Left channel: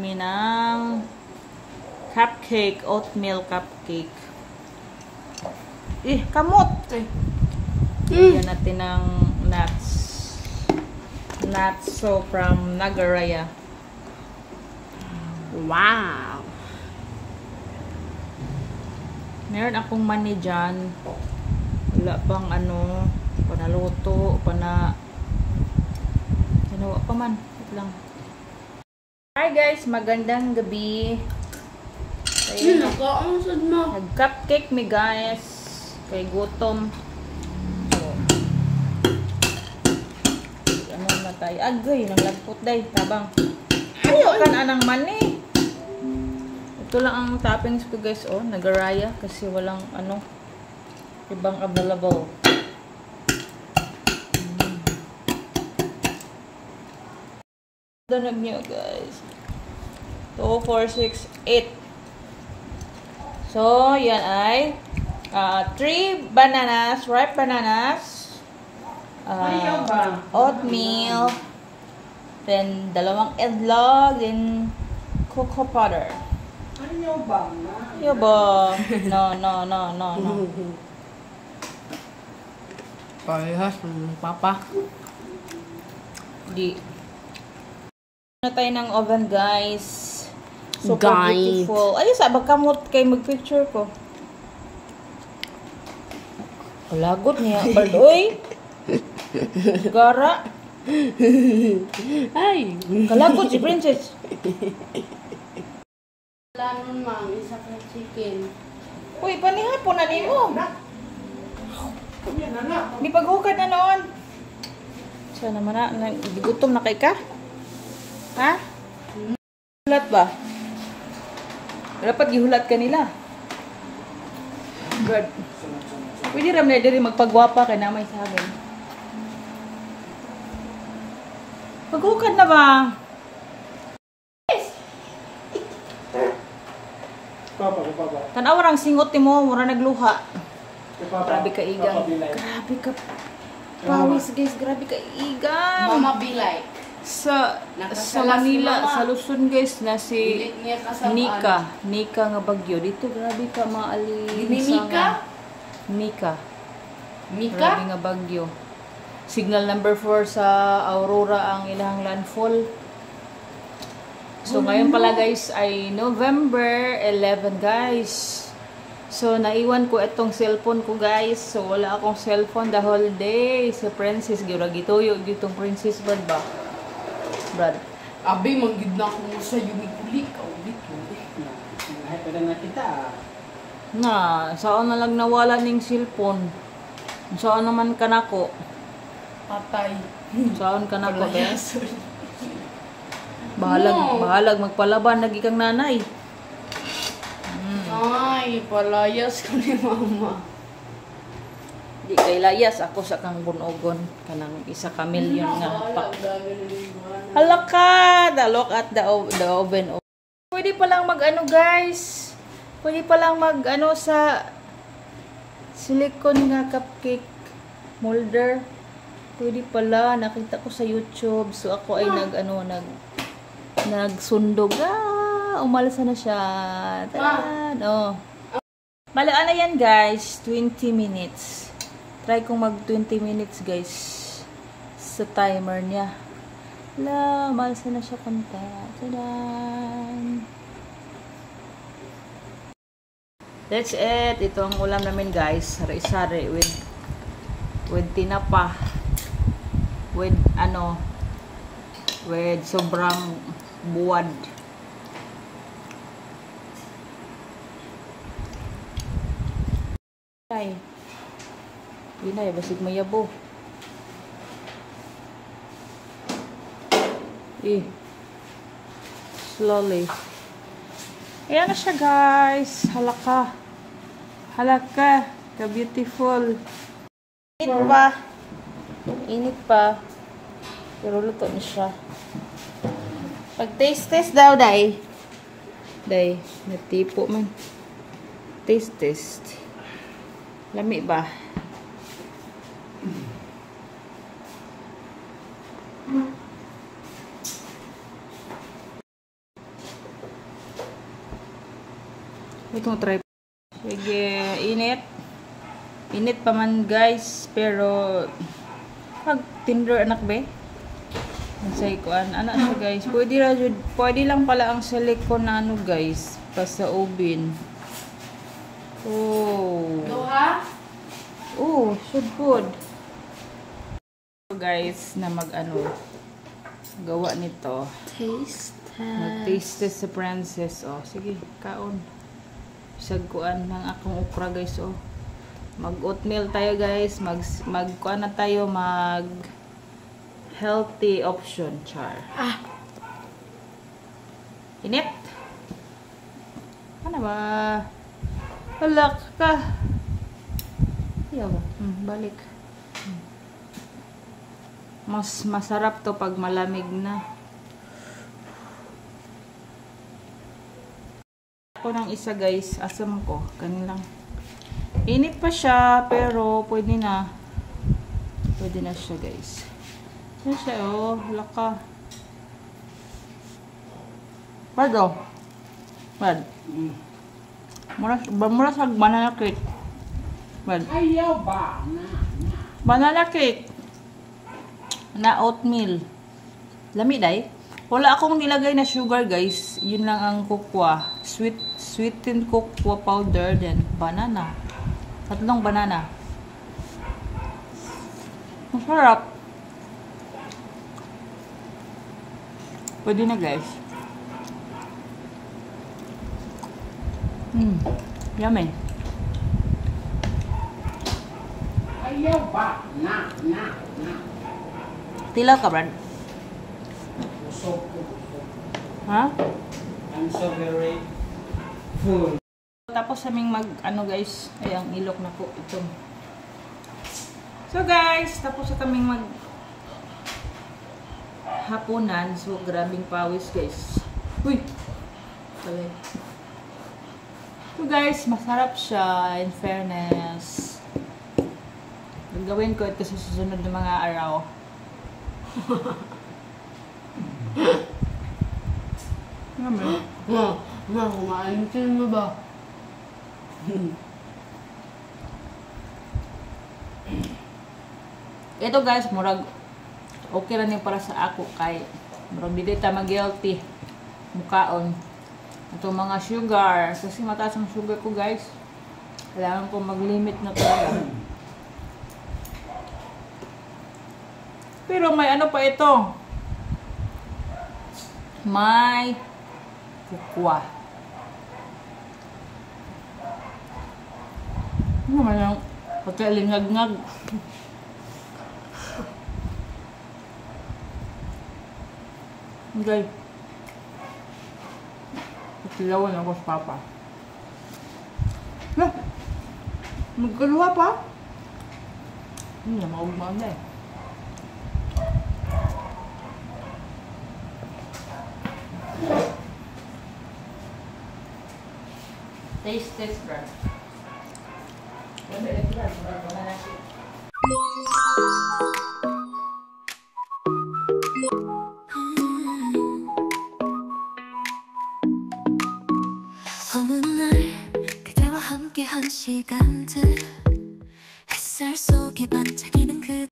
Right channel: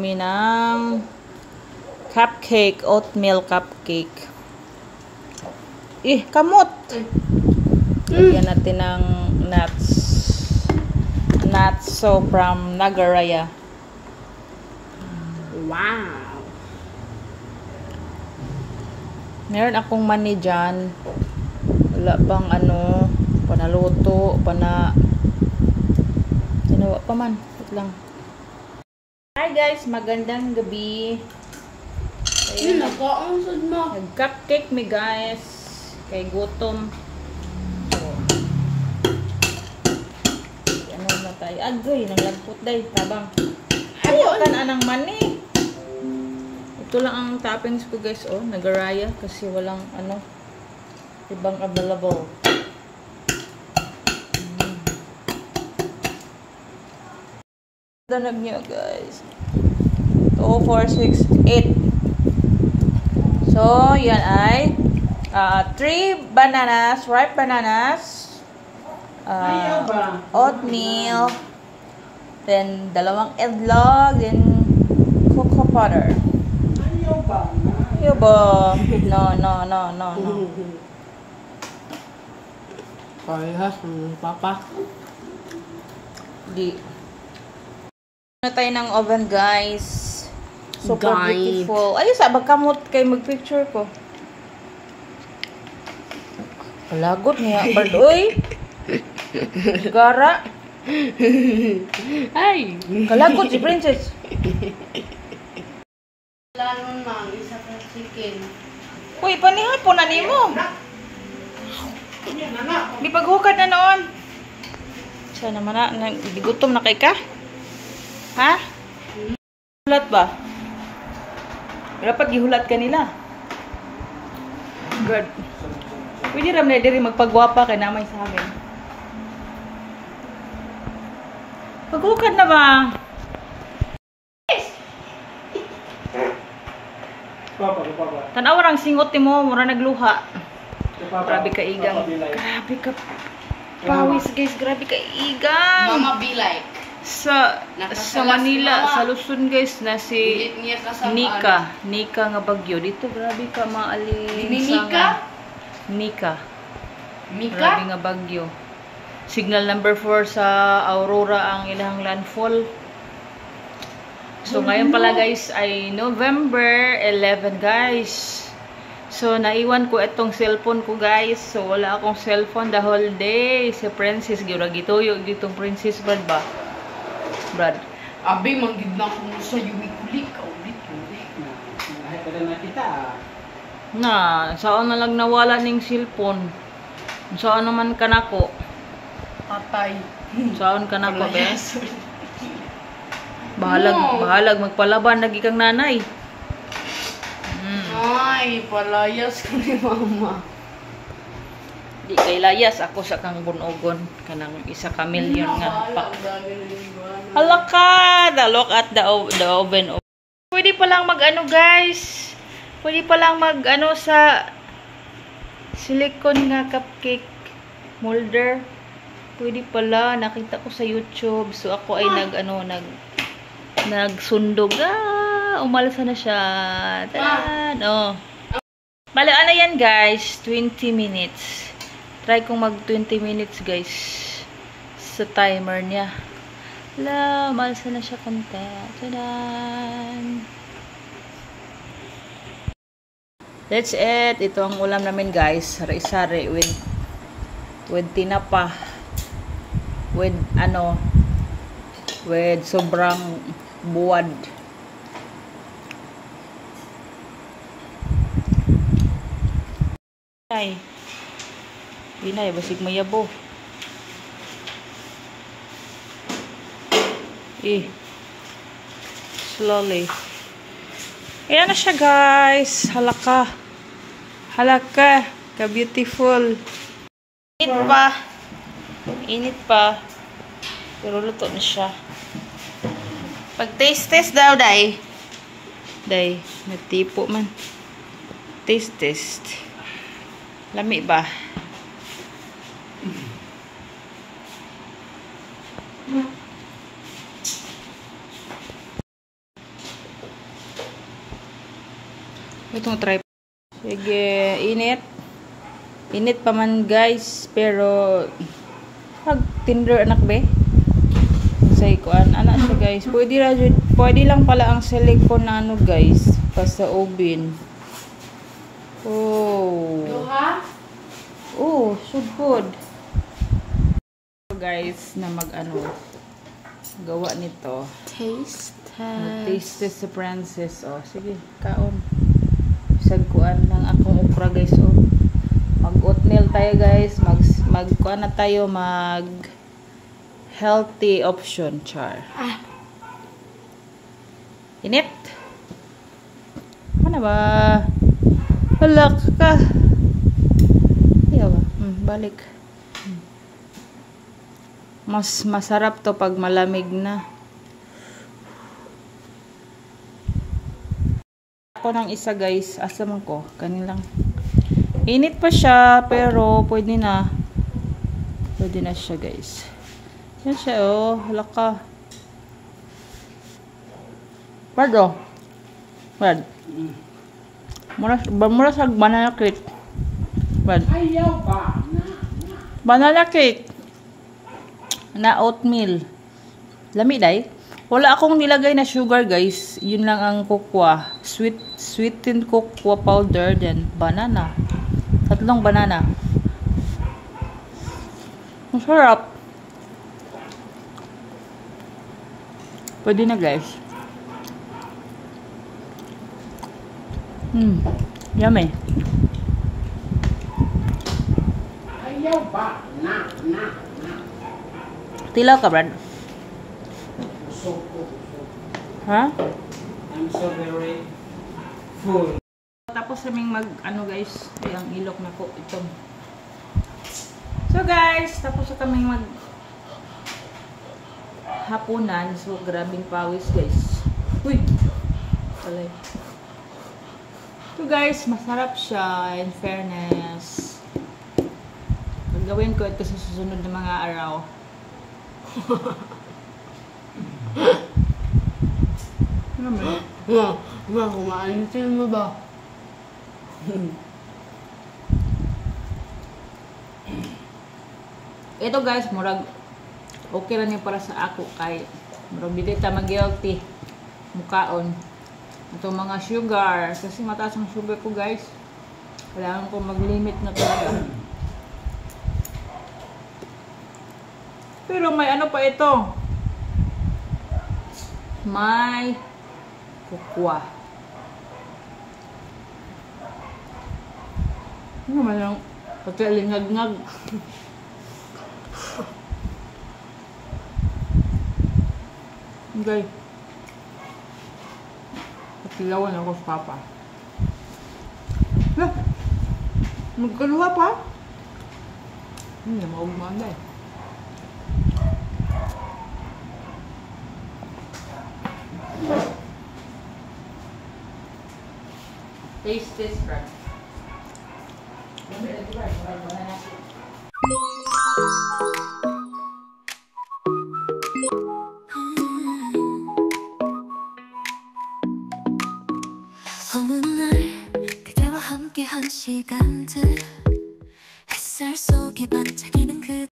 kami ng cupcake, oatmeal cupcake. Kamot! Lagyan natin ng nuts. Nuts, so from Nagaraya. Wow! Meron akong mani dyan. Wala pang panaluto, ginawa pa man. Wait lang. Hi guys, magandang gabi. Ayun, nag-cupcake mi guys. Kay gutom. So, ano na tayo? Agay, naglagpot day. Tabang. Ayaw ka na ng mani. Ito lang ang toppings ko guys. Oh, Nagaraya. Kasi walang ibang available. Danag nyo guys. 2, 4, 6, 8. So, yan ay 3 bananas, ripe bananas, oatmeal, then 2 eggnog, then cocoa powder. Ayaw ba? No. Parehas, papa. Di. Na tayo ng oven guys. Super beautiful. Ayun sa kamot kay mag-picture ko. Palagot niya. Bird, oy. Gara. Ay. Kalagot si Princess. Wala nun mang, isa ka chicken. Uy, panihapon na ni mo. Di paghukad na noon. Sana naman na. Gutom na kay ka? Ha? Hulat ba? Dapat gihulat ka nila. Good. Pwede ram na diri magpagwapa kay namay sa amin. Paghukad na ba? Tanaw rang singot mo, mura nagluha. Grabe ka igang. Grabe ka pawis guys, grabe ka igang. Mama be like. Sa Manila, sa Luzon guys, na si Nika nga bagyo. Dito grabe ka maalinsangan. Nika. Grabe nga bagyo. Signal number 4 sa Aurora ang ilang landfall. So ngayon pala guys ay November 11 guys. So naiwan ko itong cellphone ko guys. So wala akong cellphone the whole day. Si Princess gituyo ditong Princess ba? Brad. Abi manggid na ko sa ulit Na, saan na lang nawala ning cellphone? Saan naman kanako? Patay. Saan kanako be? Bahalag magpalaban lagi kang nanay. Ay, palayas ko ni mama. Di kay layas ako sa kang bunogon kanang isa ka milyon nga pa. Halaka, look at the oven. Pwede pa lang guys. Pwede pa lang sa silicone nga cupcake molder. Pwede pala, nakita ko sa YouTube. So ako ay nagsundog. Umalsa na siya. Taan. Oh. Bale, yan guys, 20 minutes. Try kong mag 20 minutes guys sa timer niya. Umalsa na siya konti. Tadan. That's it. Ito ang ulam namin guys. Sari-sari with tinapa. With sobrang buwad. Ay. Binay, basig mayabo. Slowly. Ayan na siya guys. Halaka. Ka-beautiful. Init pa. Pero luto na siya. Pag taste daw, day. Natipo man. Taste. Lami ba? Ito try. Sige, init. Init pa man guys, pero pag tinder anak be. Say kuan ana siya guys. Pwede lang pala ang silicone na ano guys, pa sa oven. Oh. Duha? Oh, so good. So guys, na mag-ano gawa nito. Taste Mag-taste test sa Princess. Oh, sige, kaon. Sagkuan lang akong okra guys. Oh. Mag-oatmeal tayo guys. Mag-kuan na tayo. Healthy option, char. Init. Ano ba? Halak ka. Ayaw ba? Balik. Mas masarap to pag malamig na. Ako ng isa guys. Asa mo ko? Kanin lang. Init pa siya, pero pwede na. Pwede na siya guys. Yan siya oh. Halak ka. Brad oh. Brad. Mura sa banana cake. Brad. Ayaw ba? Banana cake. Na oatmeal. Lami day. Wala akong nilagay na sugar guys. Yun lang ang cocoa. Sweetened cocoa powder. Then banana. 3 banana. Masarap. Pwede na guys. Yummy. Ayaw ba? Na. Tilaw ka, Brad? So good. Ha? I'm so very full. Tapos kaming ano guys, ay ang ilok na ko ito. So guys, tapos kaming hapunan. So grabing pawis guys. Uy. Talay. So guys, masarap siya in fairness. Gagawin ko ito sa susunod na mga araw. Naman. Kumainitin mo ba? Ito guys, murag okay lang yung para sa ako kay murag dili ta mag-guilty mukaon. Itong mga sugar, kasi mataas ang sugar ko guys. Kailangan ko mag-limit na talaga. Pero may ano pa ito. May cocoa. Ano naman yung pagkalingag-ngag. Okay. Pagkilawan ako sa papa. Magkaluha pa? Hindi na maugmanda eh. Taste this, bro. 어느 날 그대와 함께한 시간들 햇살 속에 반짝이는 그